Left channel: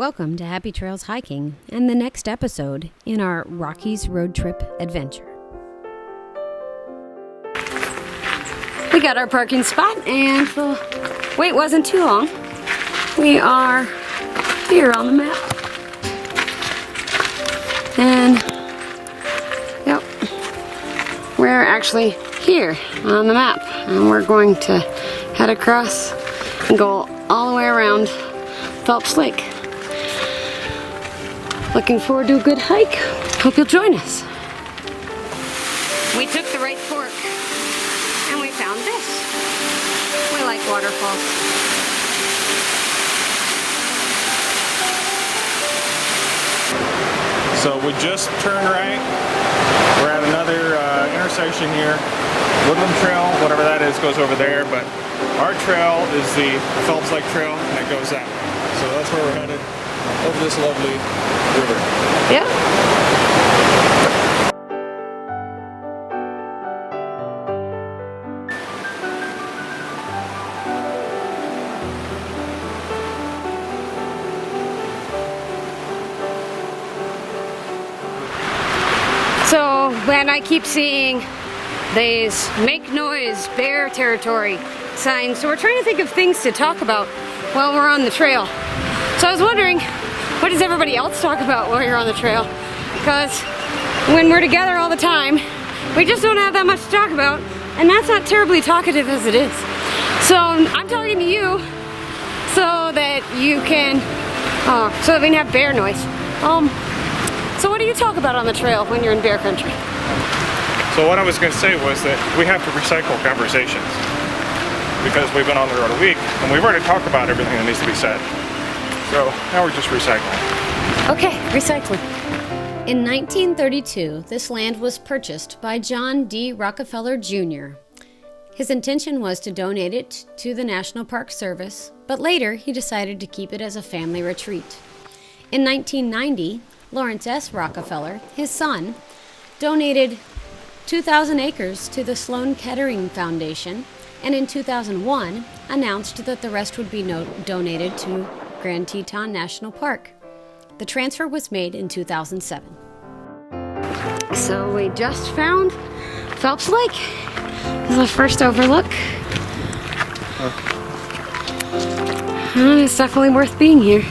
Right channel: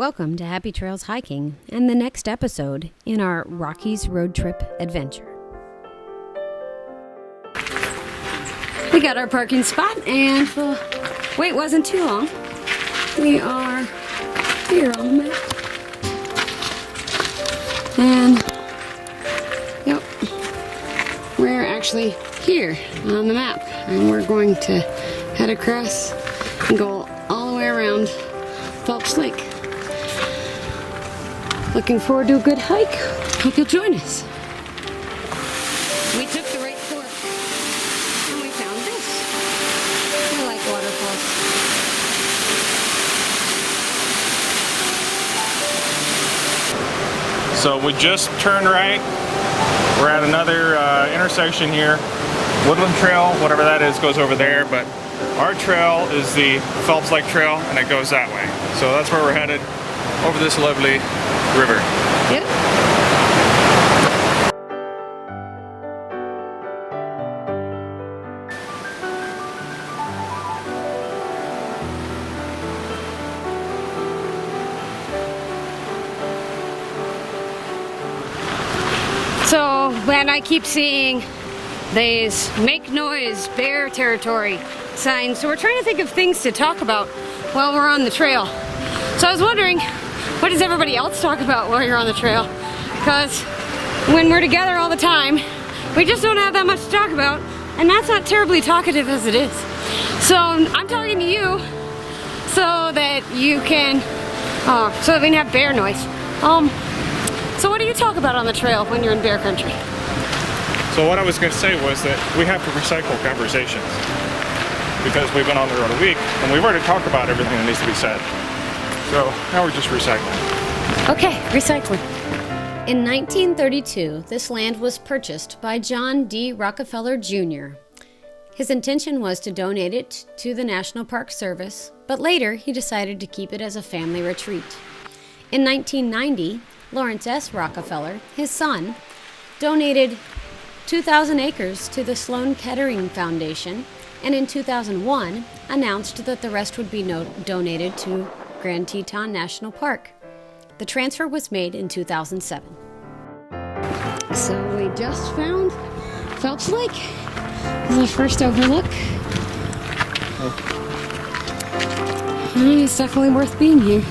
Welcome to Happy Trails Hiking and the next episode in our Rockies road trip adventure. We got our parking spot and the wait wasn't too long. We are here on the map. And yep, we're actually here on the map. And we're going to head across and go all the way around Phelps Lake. Looking forward to a good hike. Hope you'll join us. We took the right fork and we found this. We like waterfalls. So we just turned right. We're at another intersection here. Woodland Trail, whatever that is, goes over there, but our trail is the Phelps Lake Trail and it goes that way. So that's where we're headed, over this lovely river. Yeah. So when I keep seeing these make noise, bear territory signs, so we're trying to think of things to talk about while we're on the trail. So I was wondering, what does everybody else talk about while you're on the trail? Because when we're together all the time, we just don't have that much to talk about, and that's not terribly talkative as it is. So I'm talking to you so that you can, so that we can have bear noise. So what do you talk about on the trail when you're in bear country? So what I was going to say was that we have to recycle conversations because we've been on the road a week and we've already talked about everything that needs to be said. So now we're just recycling. Okay, recycling. In 1932, this land was purchased by John D. Rockefeller Jr. His intention was to donate it to the National Park Service, but later he decided to keep it as a family retreat. In 1990, Laurence S Rockefeller, his son, donated 2,000 acres to the Sloan Kettering Foundation, and in 2001 announced that the rest would be donated to Grand Teton National Park. The transfer was made in 2007. So we just found Phelps Lake. This is our first overlook. It's definitely worth being here.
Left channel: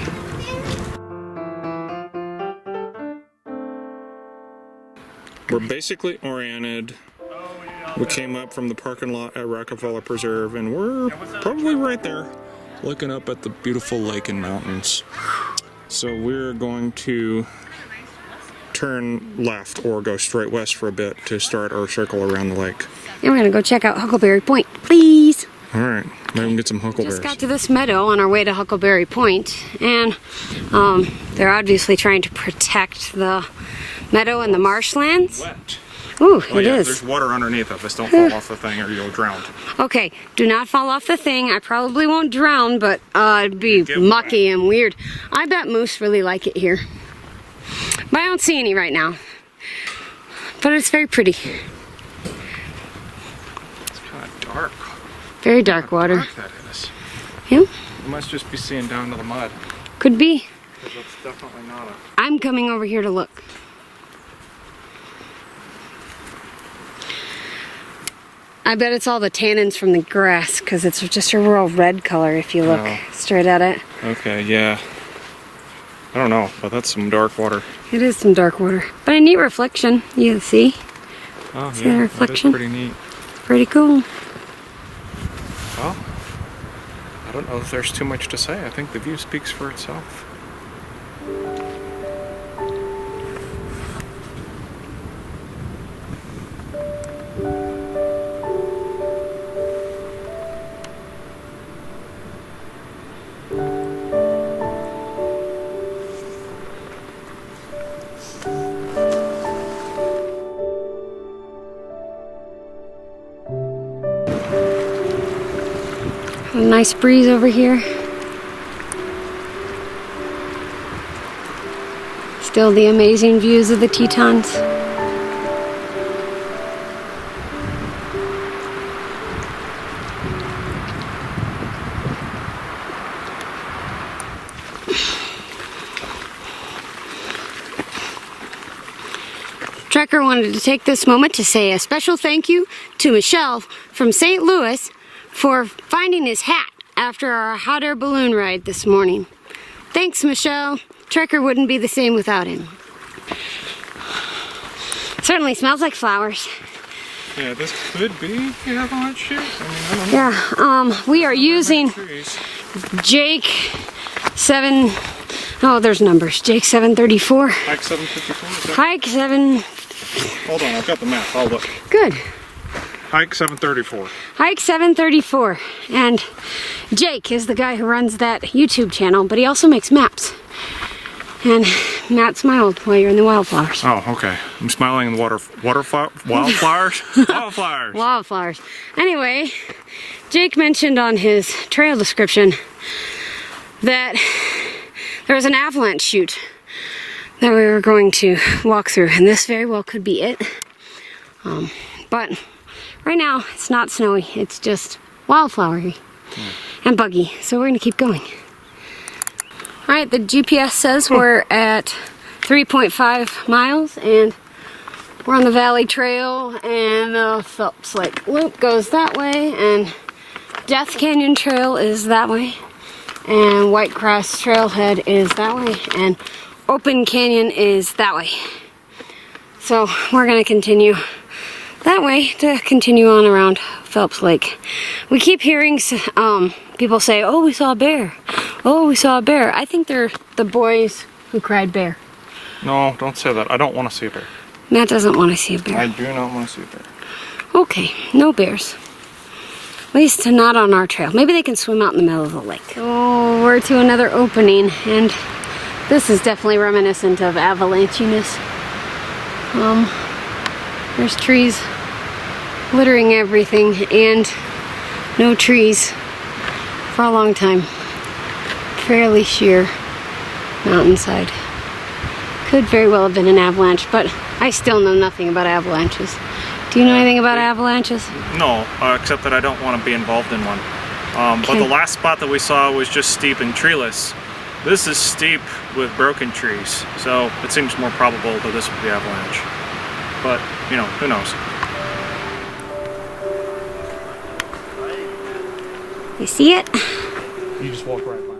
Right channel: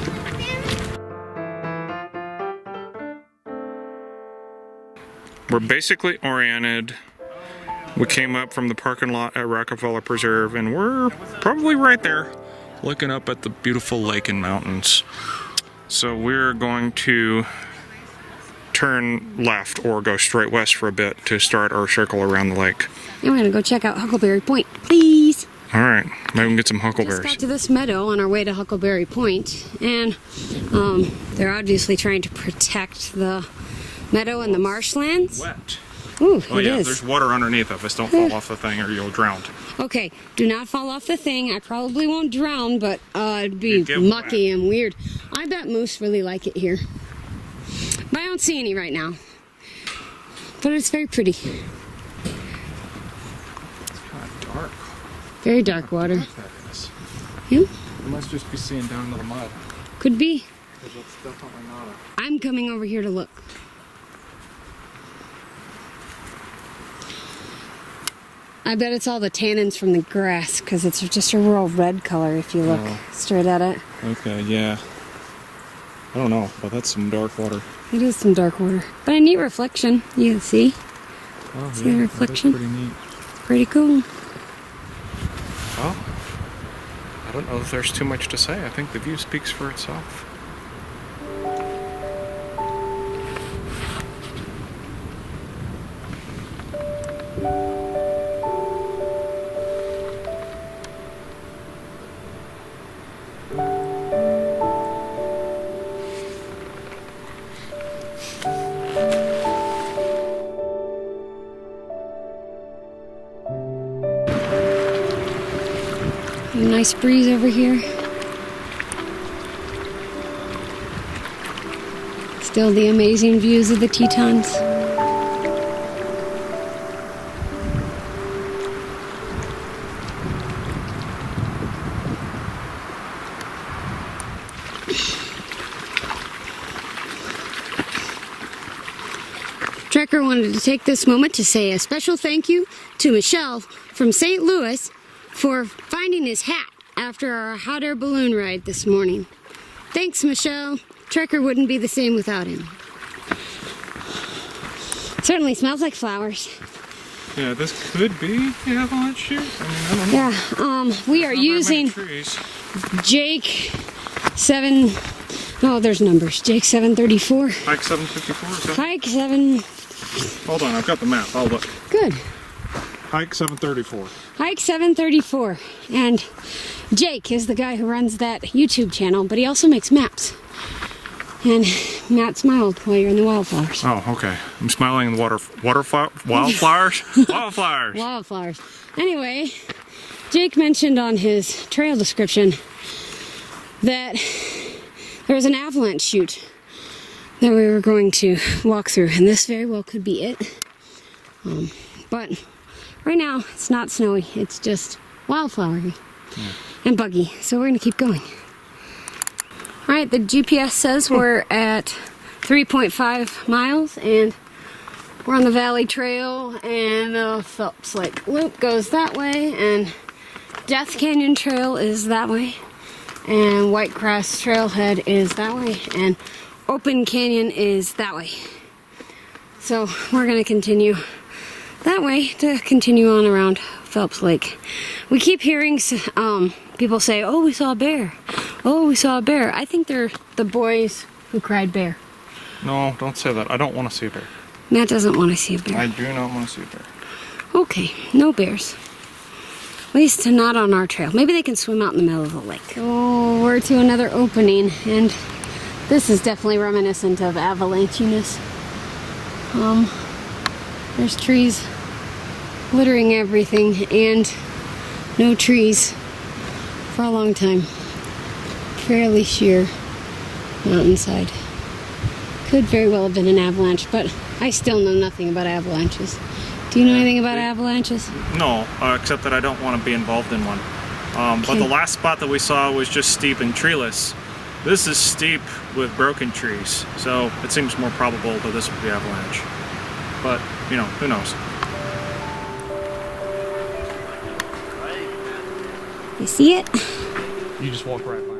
We're basically oriented. We came up from the parking lot at Rockefeller Preserve and we're probably right there looking up at the beautiful lake and mountains. So we're going to turn left or go straight west for a bit to start our circle around the lake. And we're gonna go check out Huckleberry Point, please. All right, maybe we can get some huckleberries. Just got to this meadow on our way to Huckleberry Point, and they're obviously trying to protect the meadow and the marshlands. Wet. Ooh, Oh it yeah, is. there's water underneath of us. Don't fall off the thing or you'll drown. Okay, do not fall off the thing. I probably won't drown, but it'd be mucky and weird. I bet moose really like it here. But I don't see any right now. But it's very pretty. It's kind of dark. Very dark water. Dark that is. Yeah, You must just be seeing down to the mud. could be. Because that's definitely not a... I'm coming over here to look. I bet it's all the tannins from the grass, because it's just a real red color if you look straight at it. Okay, yeah. I don't know, but that's some dark water. It is some dark water, but a neat reflection. You see? Oh, See yeah, the reflection? that is pretty neat. Pretty cool. Well, I don't know if there's too much to say. I think the view speaks for itself. A nice breeze over here. Still the amazing views of the Tetons. Trekker wanted to take this moment to say a special thank you to Michelle from St. Louis for finding his hat after our hot air balloon ride this morning. Thanks, Michelle. Trekker wouldn't be the same without him. Certainly smells like flowers. Yeah, this could be the avalanche chute. I mean, I don't know. Yeah, we are using Jake 7. Oh, there's numbers. Jake 734. Hike 754. Is that... Hike 7. Hold on, I've got the map. I'll look. Good. Hike 734. Hike 734. And Jake is the guy who runs that YouTube channel, but he also makes maps. And Matt smiled while you're in the wildflowers. Oh, okay. I'm smiling in the wildflowers? Wildflowers. Wildflowers. Anyway, Jake mentioned on his trail description that there was an avalanche chute that we were going to walk through, and this very well could be it. But right now, it's not snowy. It's just wildflowery and buggy, so we're going to keep going. All right, the GPS says we're at 3.5 miles, and we're on the Valley Trail, and the Phelps Lake Loop goes that way, and Death Canyon Trail is that way, and White Cross Trailhead is that way, and Open Canyon is that way. So we're going to continue that way to continue on around Phelps Lake. We keep hearing people say, "Oh, we saw a bear. Oh, we saw a bear." I think they're the boys who cried bear. No, don't say that. I don't want to see a bear. Matt doesn't want to see a bear. I do not want to see a bear. Okay, no bears. At least not on our trail. Maybe they can swim out in the middle of the lake. Oh, we're to another opening, and this is definitely reminiscent of avalanchiness. There's trees littering everything, and no trees for a long time. Fairly sheer mountainside. Could very well have been an avalanche, but I still know nothing about avalanches. Do you know anything about avalanches? No, except that I don't want to be involved in one. Okay. But the last spot that we saw was just steep and treeless. This is steep with broken trees, so it seems more probable that this would be avalanche. But, you know, who knows? You see it? You just walk right by it.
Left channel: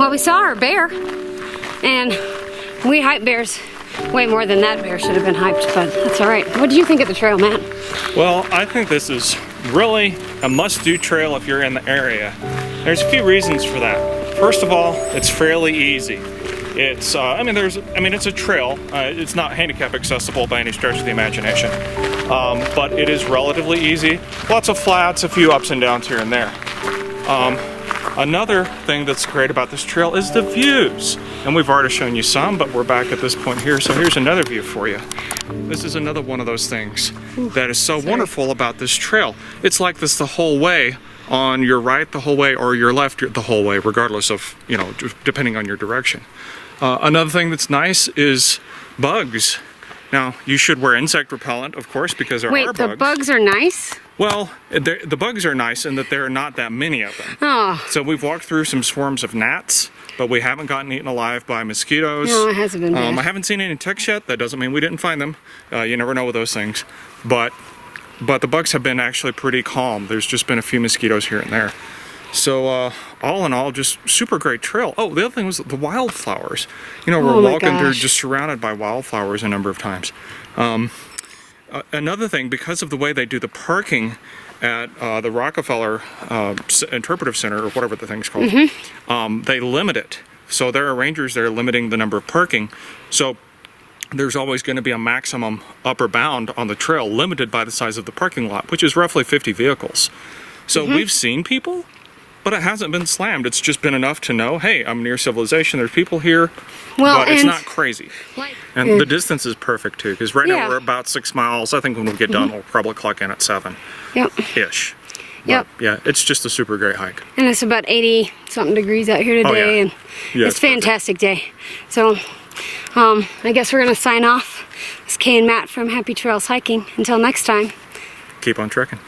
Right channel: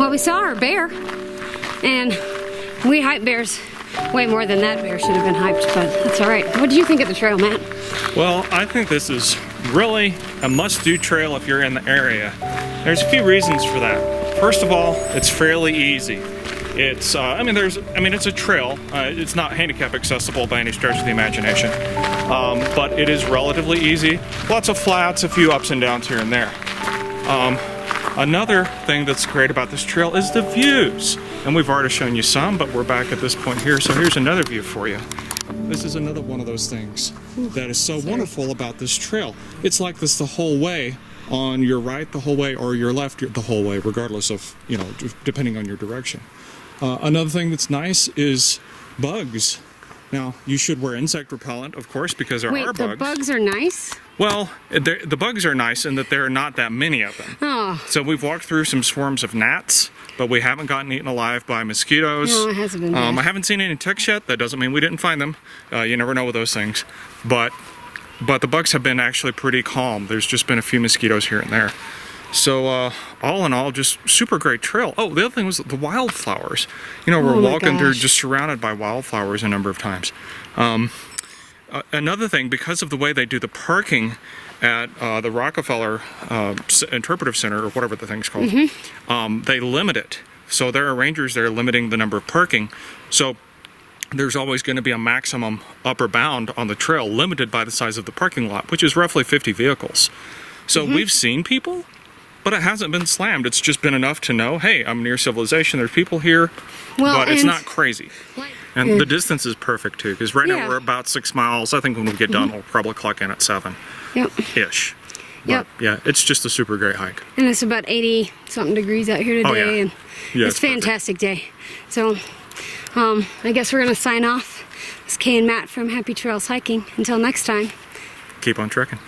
Well, we saw our bear, and we hype bears way more than that bear should have been hyped, but that's all right. What did you think of the trail, Matt? Well, I think this is really a must-do trail if you're in the area. There's a few reasons for that. First of all, it's fairly easy. It's, it's a trail. It's not handicap accessible by any stretch of the imagination, but it is relatively easy. Lots of flats, a few ups and downs here and there. Another thing that's great about this trail is the views. And we've already shown you some, but we're back at this point here, so here's another view for you. This is another one of those things that is so wonderful about this trail. It's like this the whole way, on your right the whole way, or your left the whole way, regardless of, depending on your direction. Another thing that's nice is bugs. Now, you should wear insect repellent, of course, because there are bugs. Wait, the bugs are nice? Well, the bugs are nice in that there are not that many of them. Oh. So we've walked through some swarms of gnats, but we haven't gotten eaten alive by mosquitoes. No, it hasn't been bad. I haven't seen any ticks yet. That doesn't mean we didn't find them. You never know with those things. But the bugs have been actually pretty calm. There's just been a few mosquitoes here and there. So all in all, just super great trail. Oh, the other thing was the wildflowers. We're walking through just surrounded by wildflowers a number of times. Another thing, because of the way they do the parking at the Rockefeller Interpretive Center, or whatever the thing's called, they limit it. So there are rangers there limiting the number of parking. So there's always going to be a maximum upper bound on the trail, limited by the size of the parking lot, which is roughly 50 vehicles. So we've seen people, but it hasn't been slammed. It's just been enough to know, hey, I'm near civilization, there's people here, but it's not crazy. And the distance is perfect too, because right now we're about 6 miles. I think when we get done, we'll probably clock in at 7-ish. Yep. Yeah, it's just a super great hike. And it's about 80 something degrees out here today, Oh, yeah. and Yeah, it's a fantastic day. So I guess we're gonna sign off. It's Kay and Matt from Happy Trails Hiking. Until next time. Keep on trekking.